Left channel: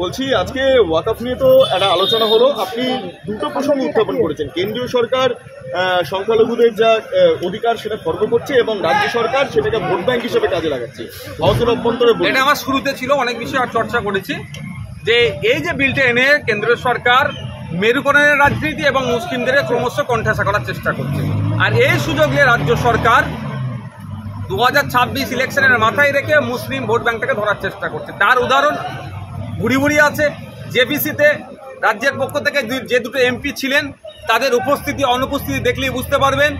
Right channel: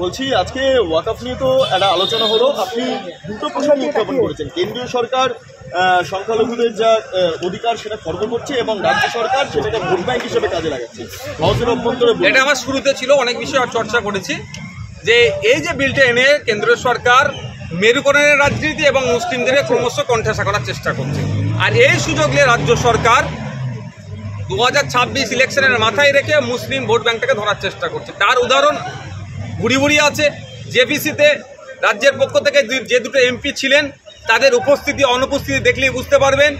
বলছি আজকে ওয়াকফ নিয়ে তো একটা আলোচনা হলো, আপনি দুটো প্রসঙ্গ উত্থাপন করেছেন। কেন্দ্রীয় সরকার সংখ্যালঘুদের যা অধিকার সেটা খর্ব করছে এবং রাজ্য সরকার সেটাকে ভোট ব্যাংক হিসেবে কাজে লাগাচ্ছে। এটা আমার শুরুতে ছিল, অনেক বিষয় চর্চা করেছি যে এই যে বিলটা এনে কেন্দ্রীয় সরকার মেরুকরণের রাজনীতি এবং মুসলিমদের ক্রমশ কণ্ঠাসা করার চেষ্টা করছে। আর এই সুযোগ নিয়ে রাজ্য সরকার 2026 ইলেকশনের মাথায় রেখে মুসলিম ভোট ব্যাংকটাকে ধরার চেষ্টা করছে। তার উদাহরণ বুড়ি বুড়ি আছে। জেপিসিতে রাজ্যের পক্ষ থেকে যে দুটো এমপি ছিলেন তাদের উপস্থিতি অনুপস্থিতি দেখলেই বুঝতে পারবেন।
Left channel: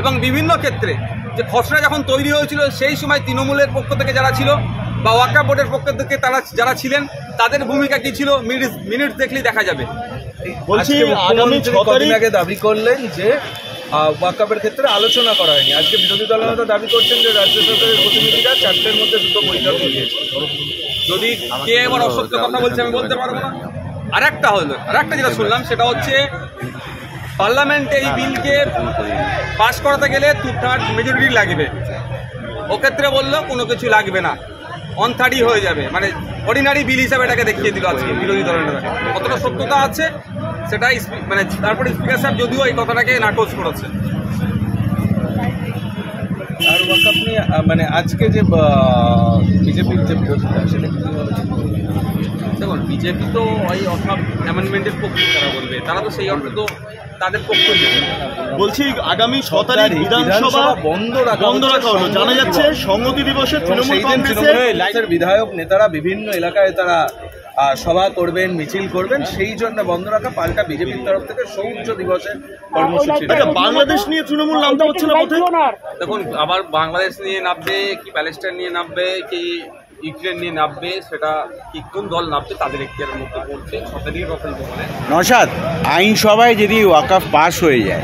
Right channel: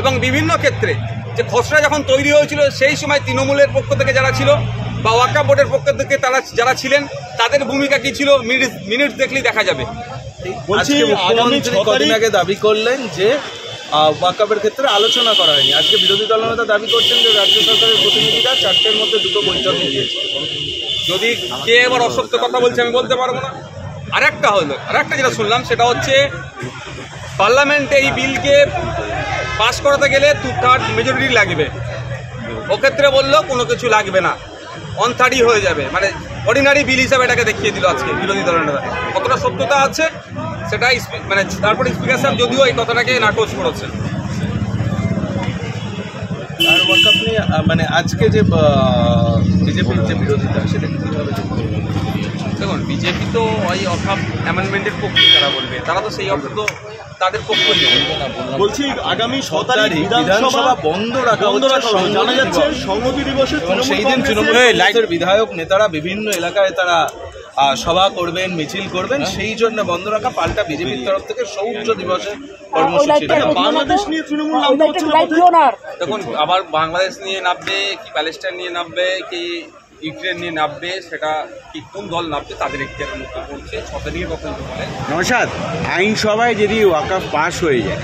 এবং বিভিন্ন ক্ষেত্রে যে খসড়া যখন তৈরি হয়েছিল সেই সময় তৃণমূলের পক্ষ থেকে যারা ছিল বা ওয়াকফ বোর্ডের পক্ষ থেকে তারা যারা ছিলেন তাদের ভূমিকা কি ছিল মিনিটস দেখলেই দেখা যাবে। বলছি মুখ্যমন্ত্রী কদিন আগে দাবি করলেন যে ওয়াকফের ক্ষেত্রে আলোচনা করা হয়নি। আজকে বিরোধী দলনেতা দাবি করছেন যে রাজ্য সরকারের প্রতিনিধিরা 4টের মধ্যে 2টো বৈঠক নিয়েছে। যদি কে এবার অসত্য কথা বলছে আমি বলতে পারবো না। আরেকটা যেটা শুনলাম সেটা হচ্ছে পার্লামেন্টে এই বিলকে পাস করাতে গেলে 2/3 মেজরিটি লাগবে। ওক্ষেত্রে বললো কোনো কিছু লাগবে না, 1/3 হয়ে যাবে, মানে অর্ডিনারি বিল হিসাবে এটাকে দেখিয়ে দিল আজকে বিরোধী দলের নেতাকে। কতটা সত্যতা আছে সেটা মানে তারপরে স্পিকার সাহেব যদিও এই কথাটাকে নাকচ করেছেন। আর ওয়াকফ নিয়ে মানে আজকে যে বিজেপির যে বিরোধিতা সেটা দেখুন, বিজেপি তো ওই ওয়াকফ অ্যামেন্ডমেন্টের পক্ষে তারা বলবে, তারা তো সেই অর্থে তো তাদের পক্ষই নেবে। বলছি আগামী 6 তারিখ বিধানসভা বন্ধ রাখা জানা যাচ্ছে সংহতি দিবসে সেই দিন তৃণমূলের বিধায়ক নেতারা বিভিন্ন এলাকায় তারা সভা করবেন, মিছিল করবেন, সেই জন্য বন্ধ রাখা পাল্টা বিজেপির তরফ থেকে শৌর্য দিবসের কর্মসূচি। বাংলাদেশ নিয়ে তৃণমূল নামতে হচ্ছে না। দেখুন, আবার বাংলাদেশ নিয়ে নামবে কি প্যালেস্টাইন নিয়ে নামবে কি ইউক্রেন নিয়ে নামবে, সেটা কি কোন দল নামবে তাদের এখতিয়ারের মধ্যে পড়ছে। 6 তারিখের কথা যদি বলেন, নওশাদ আইনসভায় যদি ওয়াকফ পাস হয়ে যায়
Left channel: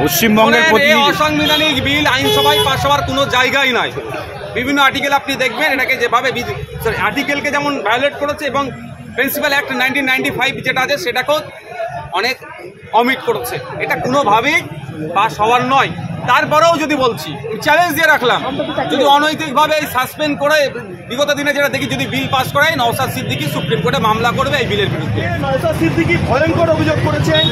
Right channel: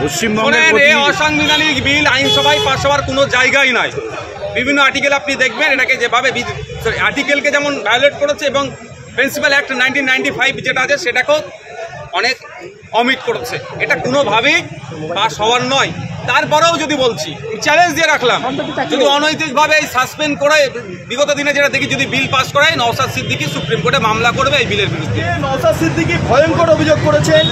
পশ্চিমবঙ্গের এই অসাংবিধানিক বিল আইনসভায় পাস হওয়ার কোনো জায়গাই নাই। বিভিন্ন আর্টিকেল আপনি দেখবেন এটাকে যেভাবে আর্টিকেলকে যেমন ভায়োলেট করেছে এবং প্রিন্সিপাল অ্যাক্ট 1995 যেটা আছে সেটাকেও অনেক অমিট করেছে। এটা কোনোভাবেই পাস হওয়ার নয়। তারপরেও যদি বলছি, চ্যালেঞ্জ দিয়ে রাখলাম, যদি অনৈতিকভাবে এই সাসপেন্ড করে বিগত দিনে যেটা দেখি যদি বিল পাস করায় নওশাদ সিদ্দিকী সুপ্রিম কোর্টে মামলা করবে এই বিলের বিরুদ্ধে। নওশাদ সিদ্দিকী ভয়ঙ্কর অভিযোগ করেছেন।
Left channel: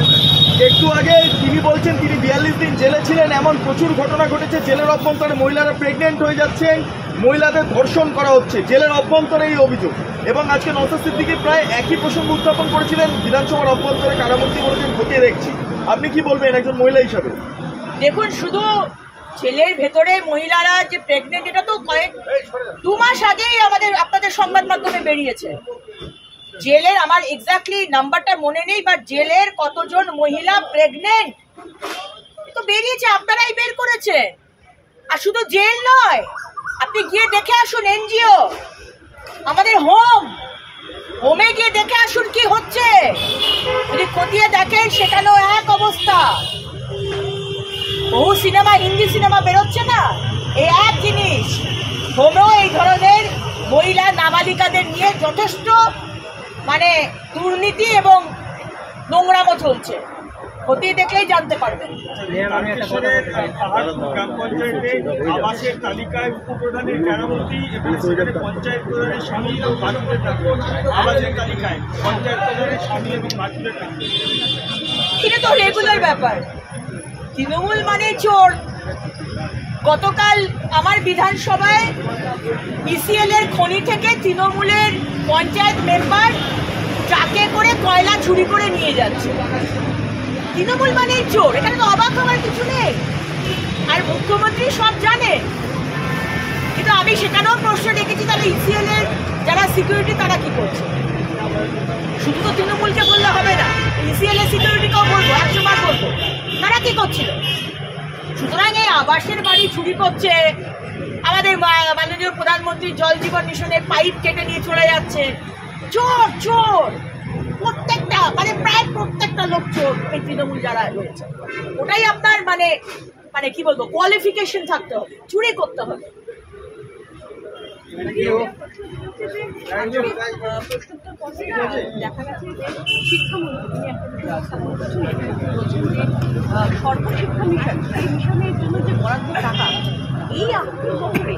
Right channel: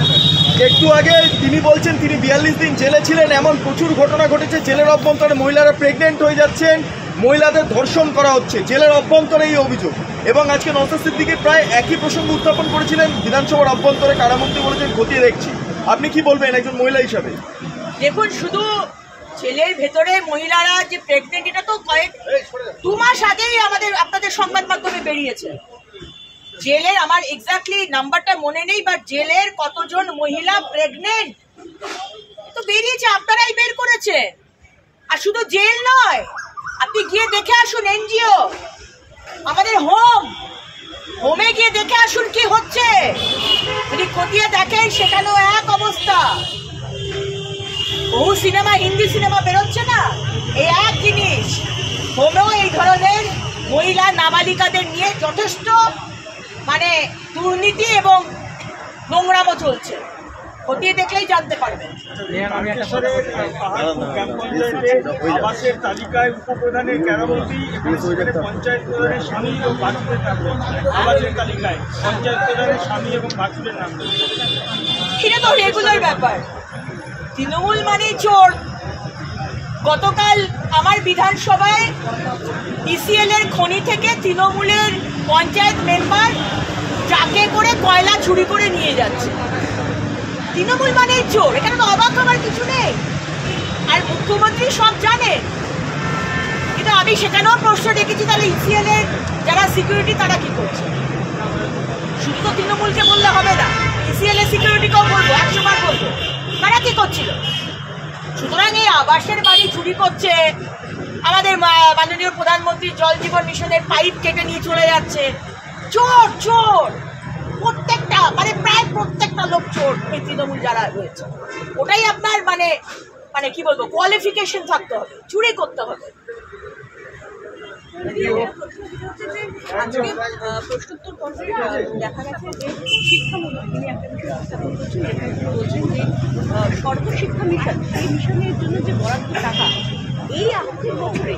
একটু আগে তিনি বলছেন তিনি 42 দিন জেলে ছিলেন, এমন প্রচুর ঘটনা ঘটেছে। জেলের অভ্যন্তরে মহিলারা প্রেগনেন্ট হয়ে যাচ্ছেন, মহিলাদের ধর্ষণ করা হচ্ছে জেলের অভ্যন্তরে, এই অভিযোগ। এবং আজকে নওশাদ সিদ্দিকী প্রায় একই প্রসঙ্গ উত্থাপন করেছিলেন, বিধানসভার অভ্যন্তরে কারামুক্তি করেছেন, খতিয়ে দেখছি। আপনি কি বলবেন একজন মহিলা হিসাবে? দেখুন, শুধু জেলের ভেতরে মহিলারা যে প্রেগনেন্ট এটা তো 2 মাস আগেই আপনাদের সংবাদ মাধ্যমে বেরিয়েছে। জেলের আমার এক্স্যাক্টলি নাম্বারটা মনে নেই, বাট জেলের কতজন মহিলা প্রেগনেন্ট তো বেরিয়েছে, আপনারাই বের করেছে। আর শুধু জেল নয়, আপনি গিয়ে দেখে আসুন এনজিও, আমাদের হোমে গিয়ে দেখে আসুন কি হচ্ছে। যদি খতিয়ে দেখেন সেখানেও এক অবস্থা। বহু সিনেমা, হিন্দি সিনেমা বেরোচ্ছে না, এই এক জিনিস। হোমেও এই ধরনের মহিলা নাবালিকাদের নিয়ে যথেষ্ট মানে দুর্নীতি এবং নোংরামো চলছে। খতিয়ে দেখলেই জানতে পারবেন। আবাসের তালিকায় উপপ্রধানের কারামতি এবং পঞ্চায়েত প্রধানের স্বামী ও বাছুরের নাম, আবাসের তালিকায় পঞ্চায়েত প্রধানের স্বামী এবং বাছুরের নাম। এটা তো রেগুলার ব্যাপার। তৃণমূল মানে চোর। গতকাল আমার বিধানসভায় ইসিএল এর খনি থেকে তৃণমূলের পঞ্চায়েত মেম্বার ট্রাকে করে কয়লা চুরি করে নিয়ে যাচ্ছে। তৃণমূল মানে চোর, এখানে তো অবাক হওয়ার কিছু নেই। আর মুখ্যমন্ত্রী সব জানেন। কিন্তু আমি সেখানেও প্রশ্ন রেখেছি, তাহলে ইসিএল এর যারা সিকিউরিটি তারা কি করছে? শুধু তো তৃণমূলকে বললে হবে না, ইসিএল এর সিকিউরিটিকেও বলবো, 100 বার বলবো তারা কি করছিল। সুতরাং এই আবাসের বাড়ি চুরি করছে, আমাদের মাননীয় প্রধানমন্ত্রী জল জীবন মিশনের পাইপ কেটে নিয়ে চলে যাচ্ছে। চোর চোর, প্রত্যেকটা মানে প্রায় প্রত্যেকটা লোক চোর। এই তৃণমূল যারা রয়েছে, ওটাই আপনার মানে মানে কি বলবো, কোয়ালিফিকেশন থাকতে হবে, চুরি করতে হবে। প্রশ্নোত্তর পর্বে দেখা গেছে যে শিক্ষামন্ত্রী তিনি একটা বিষয় উত্থাপন করছেন, বলছেন যে সর্বশিক্ষা মিশন, সেই মিশনের জন্য যে বরাদ্দ টাকা, এই আর্থিক বছরে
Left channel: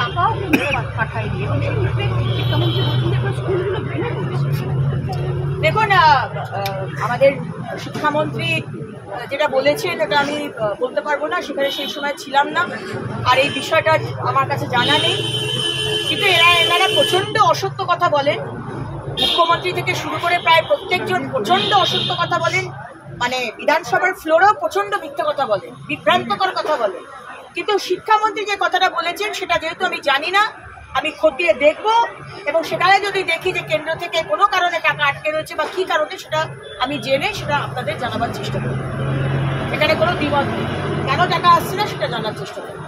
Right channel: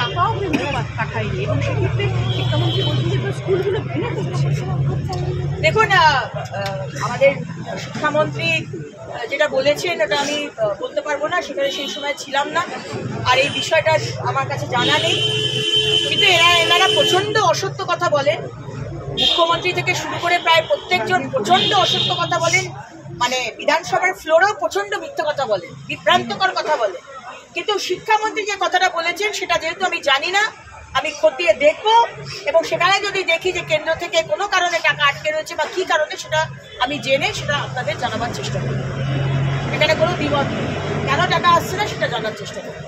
টাকাও কেন্দ্র পাঠায়নি এবং সেক্ষেত্রে শিক্ষামন্ত্রী বলছেন যে দেখুন, আমাদের শিক্ষামন্ত্রী যেটা বলেছেন ওটা আমি বলতে পারবো না, সেখানে সেই সময় ছিলাম না, আর এই বিষয়টা আমার কাছে জানা নেই। কিন্তু এনারা প্রচণ্ড অসত্য কথা বলেন, মুখ্যমন্ত্রী থেকে শুরু করে প্রায় প্রত্যেকজন প্রচণ্ড অসত্য কথা বলেন, মানে বিধানসভার ফ্লোরেও প্রচণ্ড মিথ্যা কথা বলেন, বিভ্রান্তকর কথা বলেন। কিন্তু শিক্ষামন্ত্রী যে কথাটা বলেছেন সেটা যেহেতু আমি জানি না, আমি খতিয়ে দেখব, এবং সেখানে যদি দেখি যে কেন্দ্র থেকে কোনো কারণে টাকা আটকে রয়েছে বা কী কারণে, সেটা আমি জেনে সেটা আপনাদের জানাবার চেষ্টা করব। এখানে কোনো দ্বিমত নেই, কেন টাকা আসছে না সেটা জানার চেষ্টা করব।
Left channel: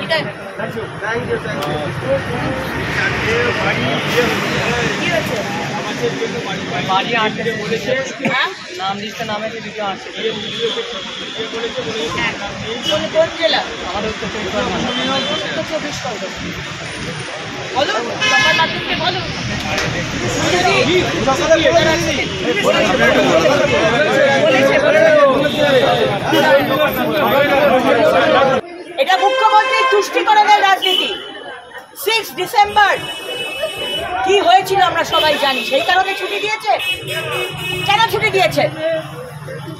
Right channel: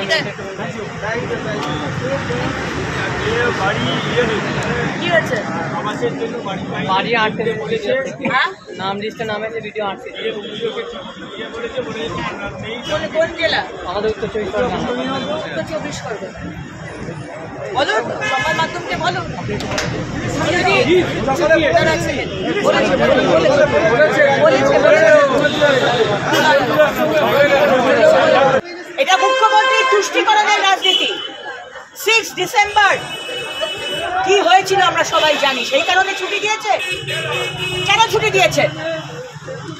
ঠিক আছে, কি হয়েছে? হ্যাঁ, নাম লিস্টে নাম আছে, ভিডিও আসছে। কোন জেলা? আমাদের উত্তর 24 পরগনা। উত্তর 24 পরগনা। বলো, সংবাদ মাধ্যমকে বলো। এটা মুখ্যমন্ত্রীর তুষ্টিকরণের রাজনীতি। 6 ডিসেম্বর কি হয়েছিল আমরা সবাই জানি, সেই কারণে ছুটি দিয়েছে। কেন ছুটি দিয়েছেন,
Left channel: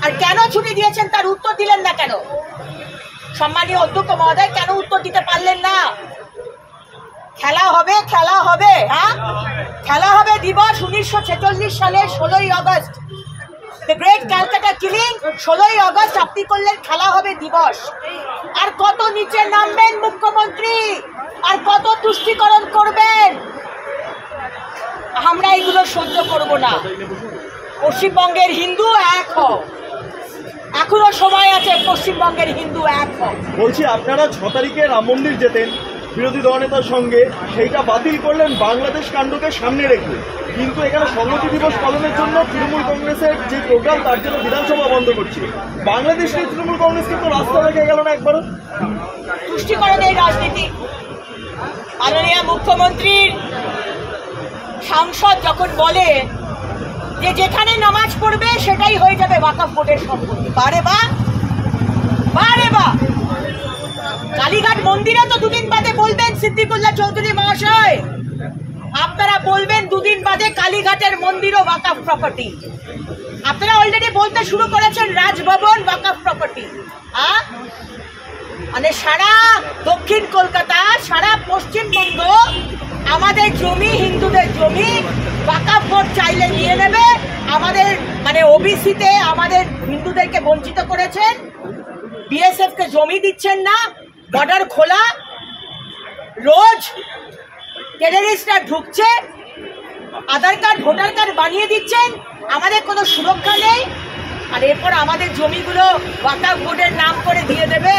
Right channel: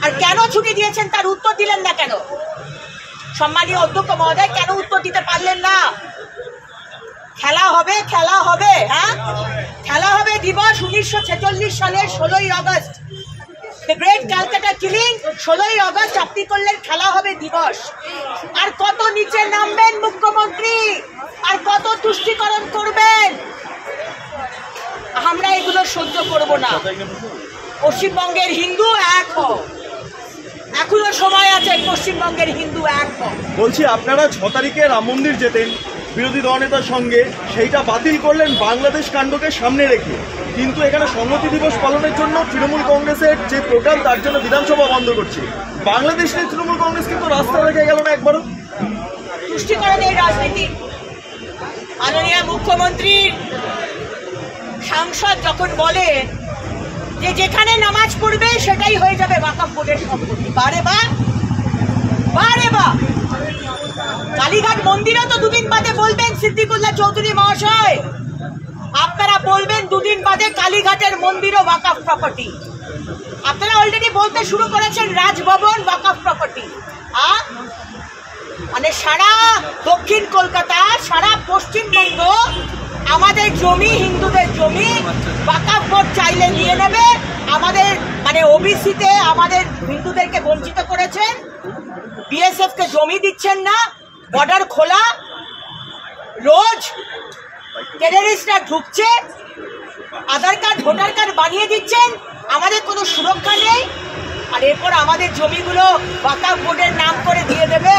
আর কেন ছুটি দিয়েছেন তার উত্তর দিলেন না কেন? সম্মানীয় অধ্যক্ষ মহোদয়, কেন উত্তর দিতে পারলেন না? খেলা হবে, খেলা হবে, হ্যাঁ খেলা হবে দিবস 1946 সালের 16ই August, the great Calcutta killing. 16ই আগস্ট আপনি করলেন খেলা হবে দিবস। আর কত নিচে নামবেন মুখ্যমন্ত্রী, আর কত তুষ্টিকরণ করবেন? আমরা এগুলো সহ্য করব না। পশ্চিমবঙ্গের হিন্দু এক হও, এখনো সময় আছে, পশ্চিমবঙ্গের হিন্দু এক হও। বলছি, আপনারা 6 তারিখে রাম মন্দির যেতেন বিরোধী দলনেতার সঙ্গে, সেইটা বাতিল করলেন বাংলাদেশ কাণ্ডকে সামনে রেখে, কিন্তু এখানে সংহতি দিবস পালনের জন্য তৃণমূল কংগ্রেসের যে প্রোগ্রাম তার জন্য বিধানসভা বন্ধ করছে। বাংলাদেশ নিয়ে তৃণমূল কংগ্রেস কিন্তু রাস্তা রেখে গেল না একবারও। তুষ্টিকরণের রাজনীতি। মাননীয় মুখ্যমন্ত্রীর সাংসদ যখন বলে যে যেখানে নামাজ পড়বে সেটাই হয়ে যাবে ওয়াকফ বোর্ডের সম্পত্তি, বারে বা বারে বা কালীঘাট মন্দিরও তো দুদিন বাদে বলবেন সিদ্দিকুল্লাহ চৌধুরী মহাশয়, আপনারা বলবেন দুদিন বাদে কালীঘাটের মন্দিরও ওয়াকফ প্রপার্টি। আপনারা অলরেডি বলতে শুরু করেছেন রাজভবন ওয়াকফ প্রপার্টি। মানে সারা দক্ষিণ কলকাতা, সারা পশ্চিমবঙ্গ আমাদের জমি, হিন্দুদের জমি ওয়াকফ বোর্ড চাইলে নিয়ে নেবে। আমাদের মানে ওবিসিতে আমাদের হিন্দুদেরকে বঞ্চিত করেছেন, বিএসএফ কে জমি দিচ্ছেন না, বর্ডার খোলা, রোজ টেররিস্টরা ঢুকছে, আধার কার্ড ভোটার কার্ড বানিয়ে দিচ্ছেন, আমাদের কোনো সুরক্ষা নেই। আর এরপর আমাদের জমিগুলো ওয়াকফ বোর্ডের নাম করে দিয়ে দেবে।